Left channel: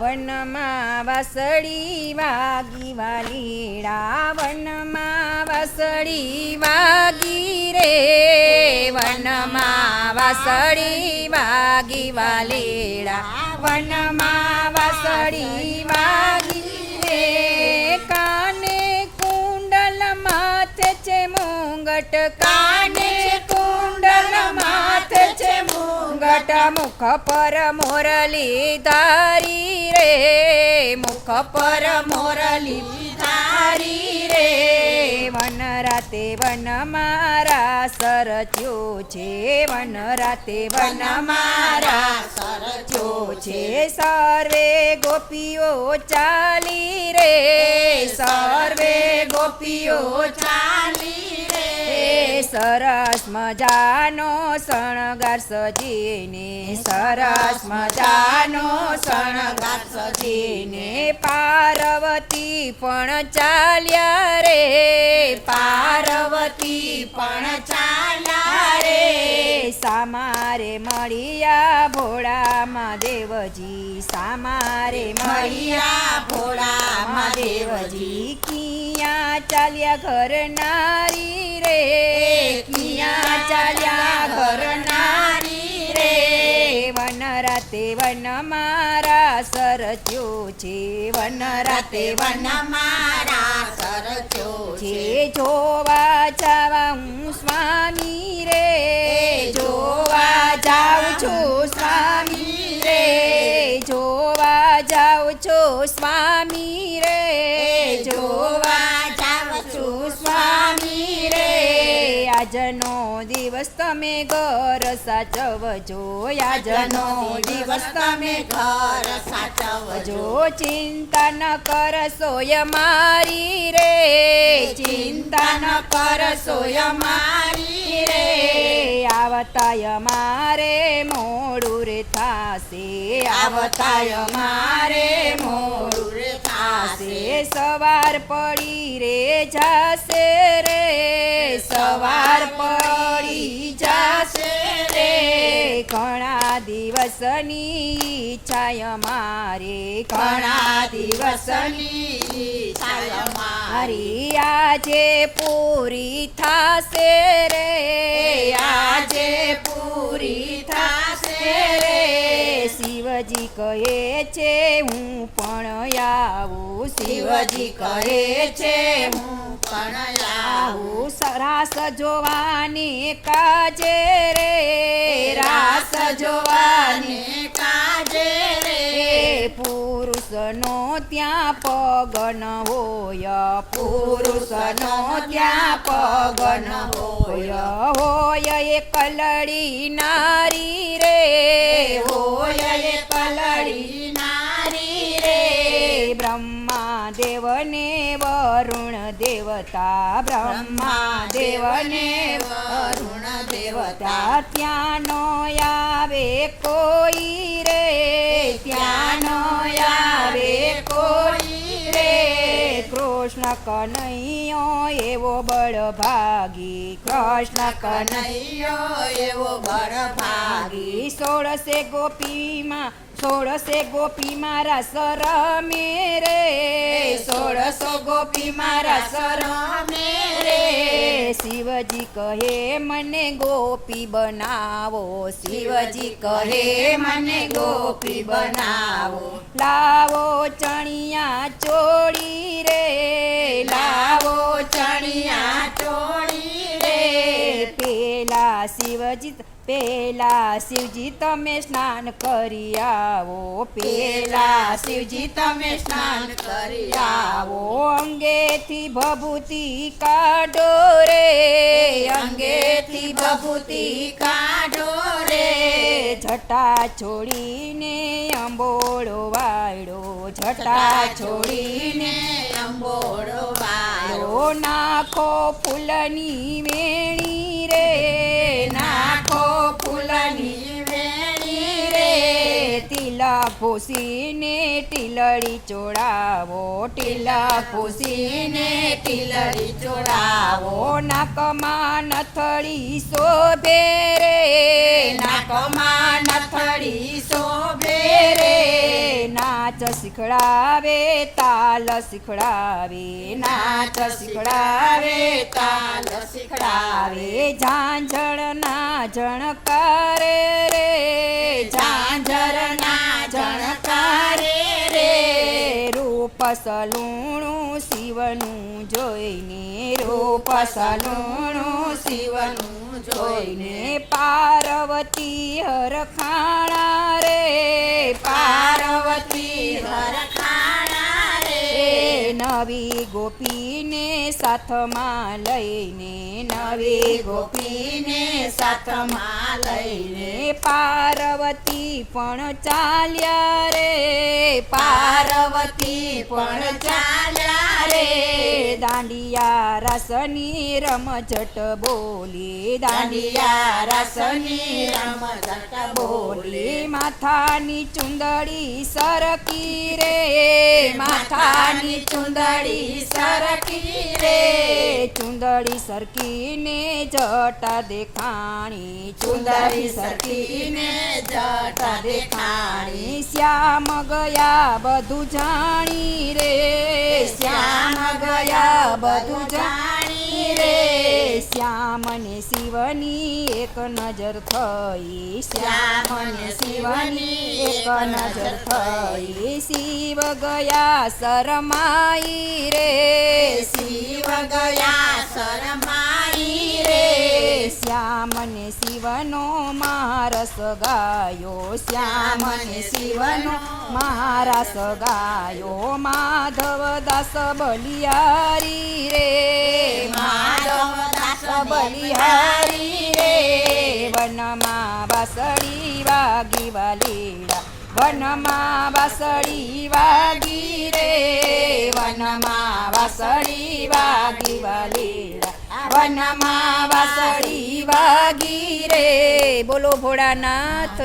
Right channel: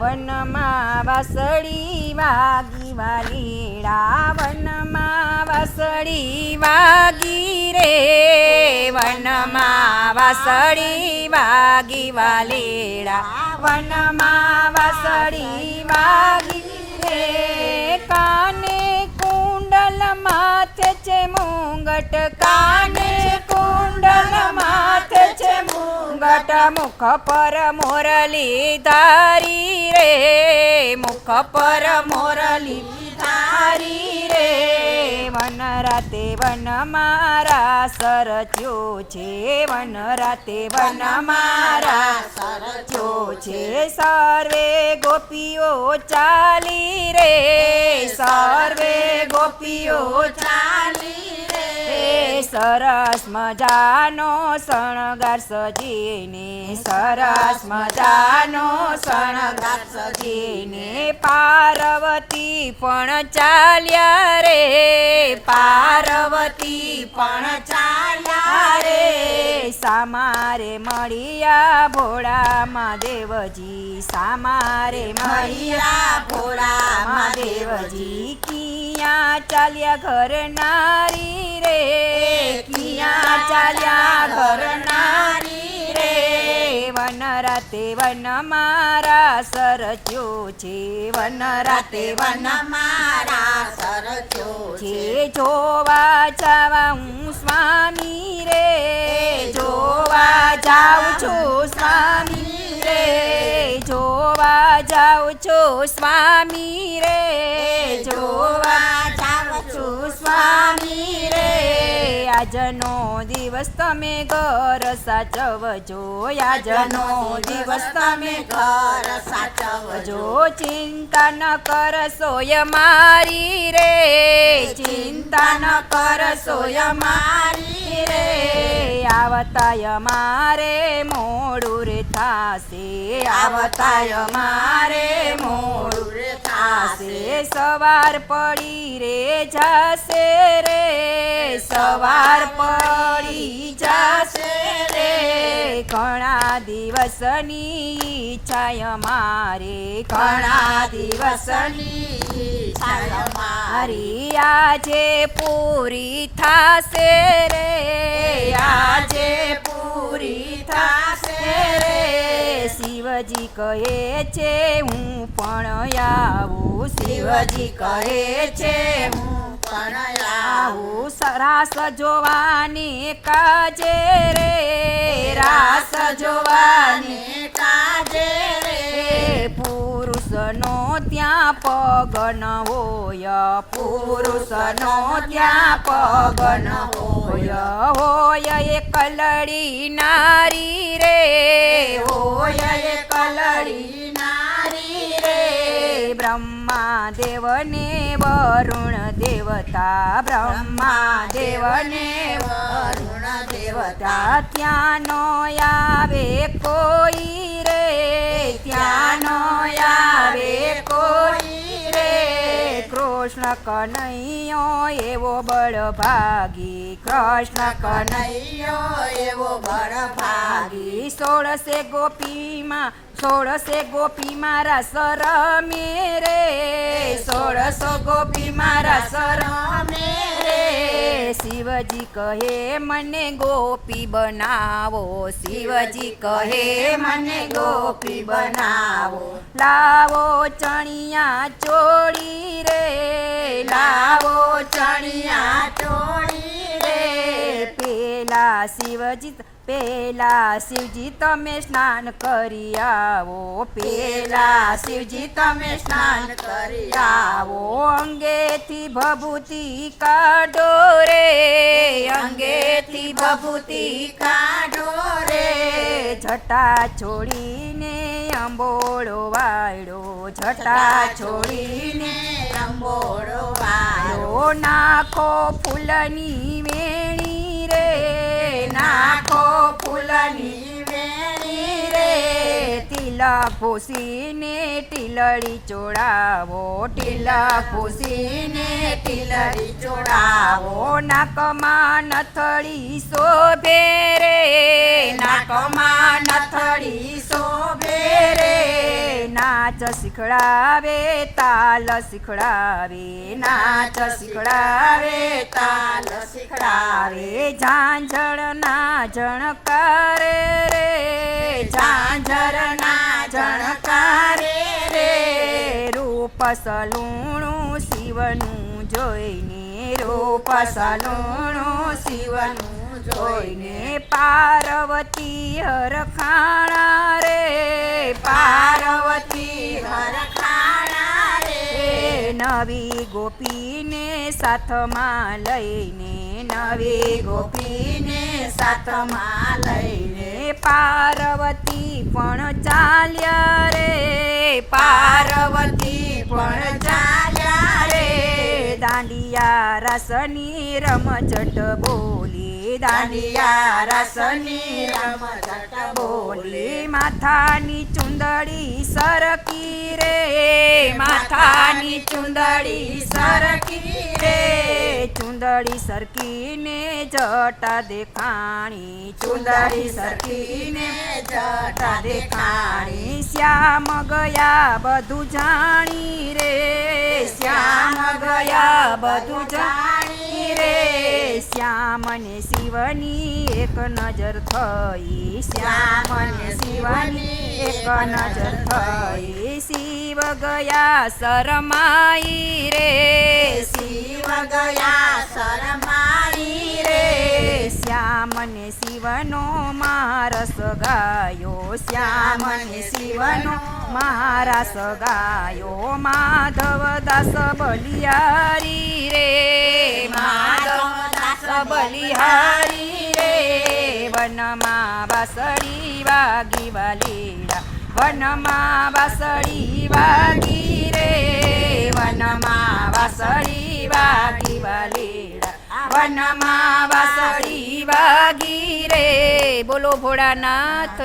વનમાં વાસળી વાગી વાલીડા, વનમાં વાસળી વાગી રે, વનમાં વાસળી વાગી વાલીડા, વનમાં વાસળી વાગી રે. કાને કુંડલ માથે છે મુંગટ, કાને કુંડલ માથે છે મુંગટ, મુખ પર મોરલી ધારી રે, મુખ પર મોરલી ધારી રે. વન રાતે વન મારા સરચ્યો છે, વન રાતે વન મારા સરચ્યો છે. સર્વે ગોપીઓ ચાલી રે, સર્વે ગોપીઓ ચાલી રે. સરસ મજાનો શણગાર સજીને, સરસ મજાનો શણગાર સજીને. પાર્વતી પણ ચાલ્યા રે, પાર્વતી પણ ચાલ્યા રે. સામારે મળ્યા ભોળા મહાદેવજી, સામારે મળ્યા ભોળા મહાદેવજી. કિયાં ચાલ્યા ઘર નારી રે, કિયાં ચાલ્યા ઘર નારી રે. વન રાતે વન મારા સરચ્યો છે, વન રાતે વન મારા સરચ્યો છે. જોવા જાવા હું સ્વામી રે, જોવા જાઉં છું સ્વામી રે, જોવા જાઉં છું સ્વામી રે, જોવા જાઉં છું સ્વામી રે. આજનો દિવસ તમે ઘર સાચવજો, આજનો દિવસ તમે ઘર સાચવજો. ચિંતા ન કરશો મારી રે, ચિંતા ન કરશો મારી રે. આવતાય મારે મોડું રે થાશે, આવતાય મારે મોડું રે થાશે. સવાર પડી રે જાશે રે, સવાર પડી જાશે રે. ઘણા દિવસની ઈચ્છા મારે, ઘણા દિવસની ઈચ્છા મારી આજે પૂરી થાશે રે, આજે પૂરી થાશે રે. શિવજી કહે છે હું પણ આવું, શિવજી કહે છે હું પણ આવું. રાસ જોવાને કાજે રે, રાસ જોવાને કાજે રે. પુરુષનો ત્યાં પગ ન હોય, પુરુષનો ત્યાં પગ ન હોય. હોય એક લડી નારી રે, હોય એક લડી નારી રે. બ્રહ્મા દેવને વરુણ દેવતા, બ્રહ્મા દેવને વરુણ દેવતા. ત્યાં નો આવે કોઈ રે, ત્યાં નો આવે કોઈ રે. કૃષ્ણ કનૈયો એવો બળભાગી, કૃષ્ણ કનૈયો એવો બળભાગી. 16 ગોપીમાં 16 ગોપી મારા સરમે રે, 16 ગોપી મારા સરમે રે. શિવજી કહે મને ગોપી બનાવો, શિવજી કહે મને ગોપી બનાવો. લાવો ચણિયા ચોળી રે, લાવો ચણિયા ચોળી રે. પેલા શિવજી પેલા શિવજી તમે સ્નાન કરી આવો, પેલા શિવજી તમે સ્નાન કરી આવો. અંગેથી ભભૂતિ કાઢો રે, અંગેથી ભભૂતિ કાઢો રે. જટા છોડીને અંબોળો વાળો, જટા છોડીને અંબોળો વાળો. નાખો ફૂલની વેણી રે, નાખો ફૂલની વેણી રે. તિલક ભૂસીને ટીલડી ચોડાવો, તિલક ભૂસીને ટીલડી ચોડાવો. નાકમાં નથડી શોભે રે, નાકમાં નથડી શોભે રે. નાચ શીખડાવે તાલ શીખડાવે નાચ શીખડાવે તાલ શીખડાવે ઝાંઝરના ઝણકારે રે ઝાંઝરના ઝણકારે રે રૂપ સલુણું શિવનું જોઈને રૂપ સલુણું શિવનું જોઈને પાર્વતી હરખાણા રે પાર્વતી હરખાણા રે નવી ગોપીને સાથમાં લઈને નવી ગોપીને સાથમાં લઈને પાર્વતી પણ ચાલ્યા રે પાર્વતી પણ ચાલ્યા રે દાંડિયા રાસની રમઝટ બોલી દાંડિયા રાસની રમઝટ બોલી માથાની ચુંદડી સરકી રે માથાની ચુંદડી સરકી રે ચુંદડી સરકીને જટા દેખાણી ચુંદડી સરકીને જટા દેખાણી શ્યામ ગયા બધું જાણી રે શ્યામ ગયા બધું જાણી રે શ્યામ ને શિવની એક નજર થઈ શ્યામ ને શિવની એક નજર થઈ શિવ ગયા શરમાઈ રે શિવ ગયા શરમાઈ રે શ્યામ ને શિવનો મારસ ગાયો શ્યામ ને શિવનો મારસ ગાયો માધવ દાસ બલિહારી રે માધવ દાસ બલિહારી રે વનમાં વાસળી વાગી વાલીડા વનમાં વાસળી વાગી રે વનમાં વાસળી વાગી વાલીડા વનમાં વાસળી વાગી રે બોલો ભોળાનાથ